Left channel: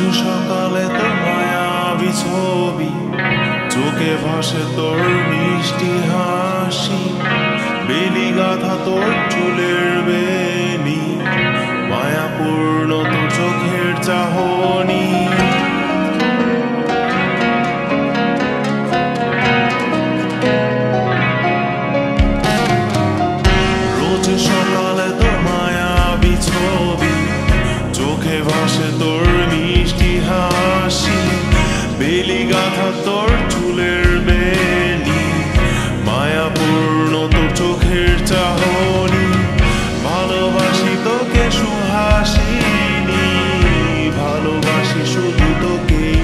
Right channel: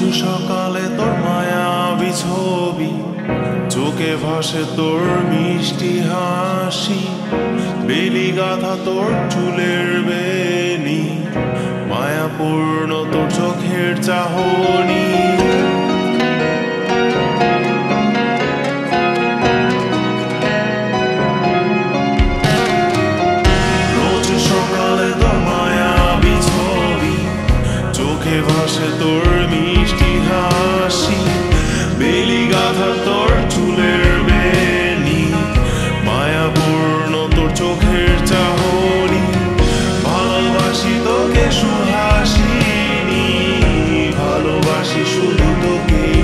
রোজ সকালে তোর মায়াবী ছবি, চোখে ভাসে তোর মিষ্টি হাসি, বেলি গাথা তোর চুলের বেনি, মায়াপূর্ণ তোর চোখের চাহনি। রোজ সকালে তোর মায়াবী ছবি, চোখে ভাসে তোর মিষ্টি হাসি, বেলি গাথা তোর চুলের বেনি, মায়াপূর্ণ তোর চোখের চাহনি। ভালোবাসি তোকে সুহাসিনী, ভালোবাসি শুধু তোকেই।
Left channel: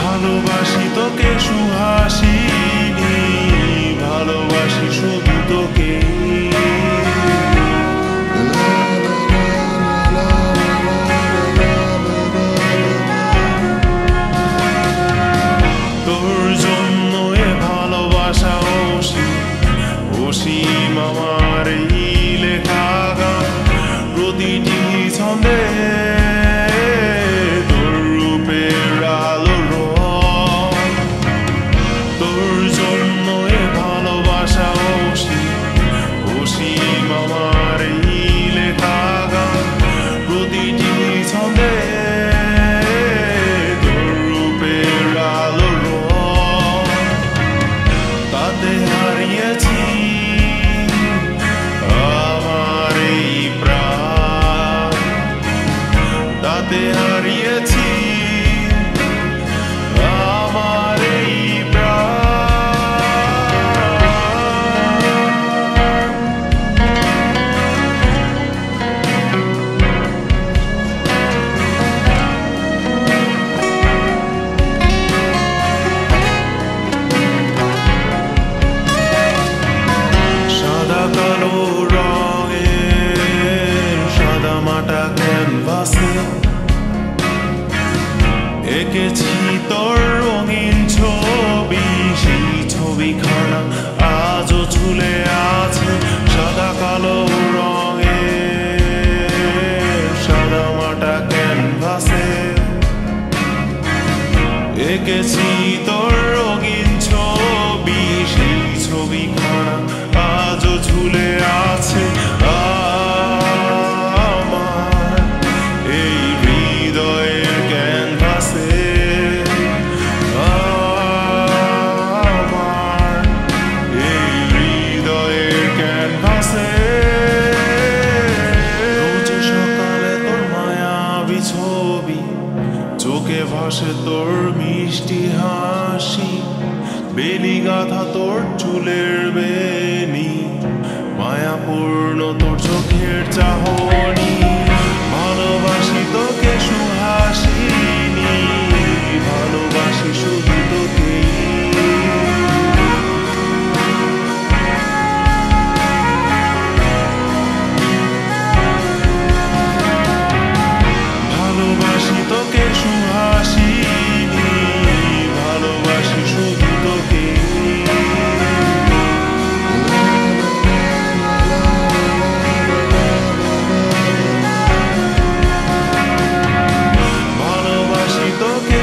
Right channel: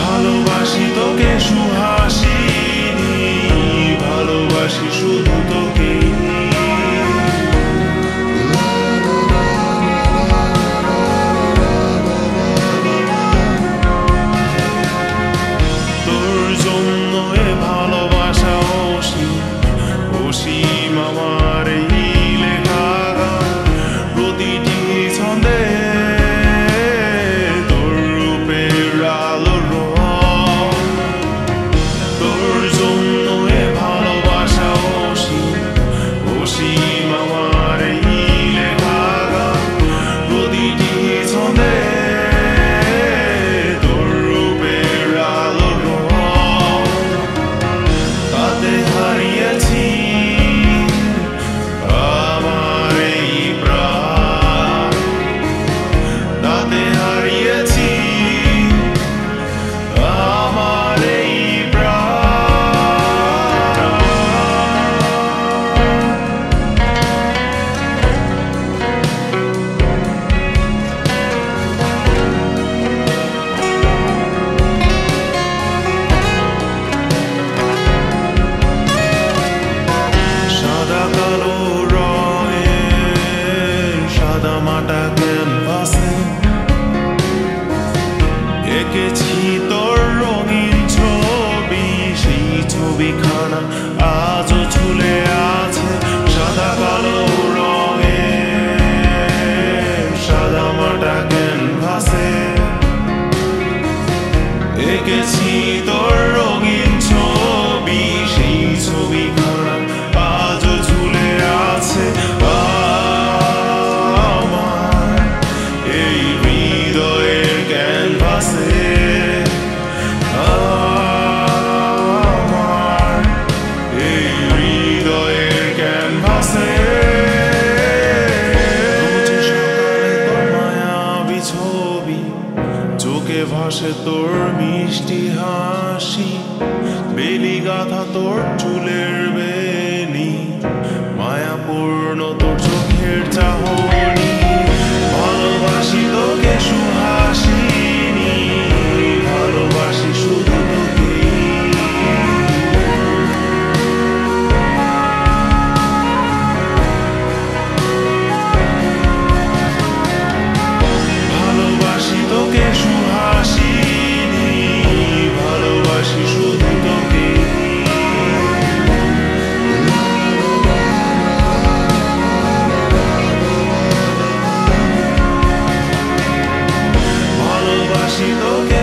ভালোবাসি তোকে সুহাসিনী, ভালোবাসি শুধু তোকেই। তোর জন্য এ ভালোবাসা অসীম আমার এই লেখা গান, প্রতিটি ছন্দে তোর রূপের আলো রং। তোর জন্য এ ভালোবাসা অসীম আমার এই লেখা গান, প্রতিটি ছন্দে তোর রূপের আলো রং। তাতে হারিয়েছি আমার এই প্রাণ, তাতে হারিয়েছি আমার এই প্রাণ। সাদা কালো রঙের সাদা মাটা ক্যানভাসে এঁকেছি তোর রঙিন ছবি, সেই ছবিখানা আজও ঝুলে আছে। সাদা কালো রঙের সাদা মাটা ক্যানভাসে এঁকেছি তোর রঙিন ছবি, সেই ছবিখানা আজও ঝুলে আছে আমার এই হৃদয়ের ক্যানভাসে। আমার এই হৃদয়ের ক্যানভাসে। রোজ সকালে তোর মায়াবী ছবি, চোখে ভাসে তোর মিষ্টি হাসি, বেলি গাথা তোর চুলের বেনি, মায়াপূর্ণ তোর চোখের চাহনি। ভালোবাসি তোকে সুহাসিনী, ভালোবাসি শুধু তোকেই। ভালোবাসি তোকে সুহাসিনী, ভালোবাসি শুধু তোকেই। ভালোবাসি তোকে